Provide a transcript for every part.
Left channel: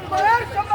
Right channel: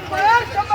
poder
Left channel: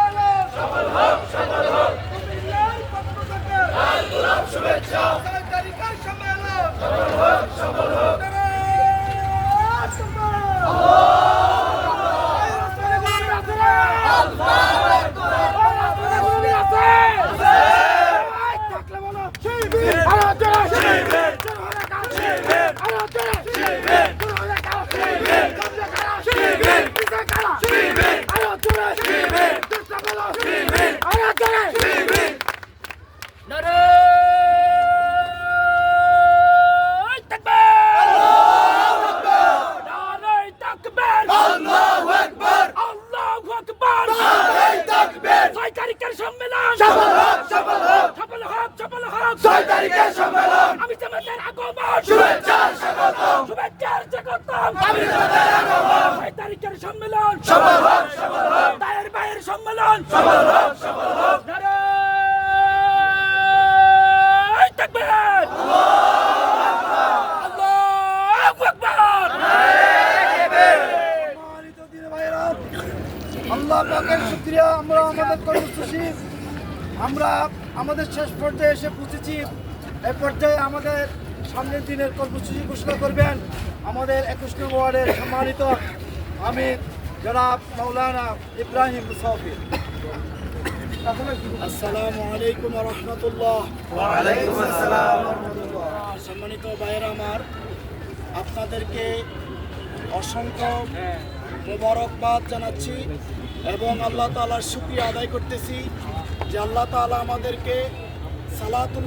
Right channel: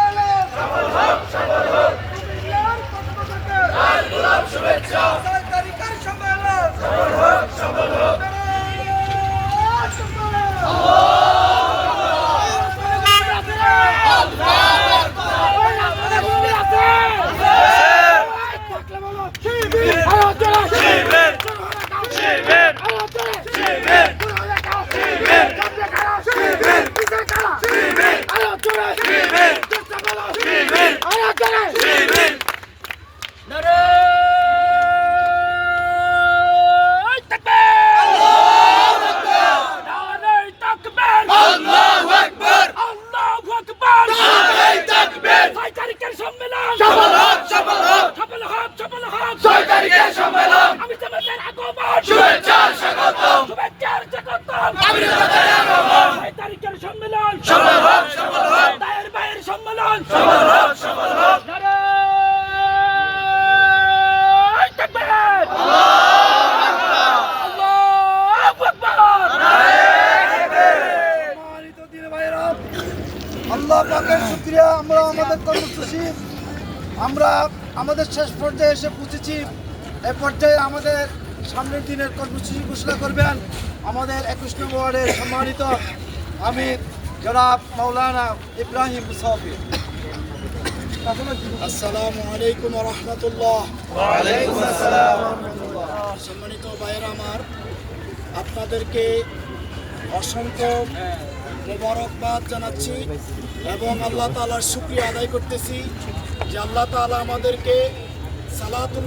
সম্মেলন সফল হোক সফল হোক সফল হোক সফল হোক ছয় তারিখের সম্মেলন আমি জামাতের আগমন শুভেচ্ছা স্বাগতম শুভেচ্ছার স্বাগতম আমি জামাতের আগমন ছয় তারিখের সম্মেলন সফল হোক সফল হোক দায়ের সম্মেলন তাকবীর আল্লাহু পাকের শুক্রিয়া। আমরা আমাদের কর্মসূচি, আমরা আমাদের শেষ পর্যায়ে এসে পৌঁছেছি। এই পর্যায়ে আমাদের সামনের দিনের কর্মসূচি ঘোষণা করবেন আমাদের একুশ নম্বর ওয়ার্ডের সম্মানিত আমি জনাব মৌলানা ইব্রাহিম মুসাফির। আসসালামু আলাইকুম রহমতুল্লাহ। সম্মানিত ভাইয়েরা আমার আপনাদেরকে অসংখ্য মোবারকবাদ জানাচ্ছি এবং আল্লাহ তাআলার শুকরিয়া আদায় করতেছি যে আল্লাহ তাআলা আমাদেরকে সালাতুল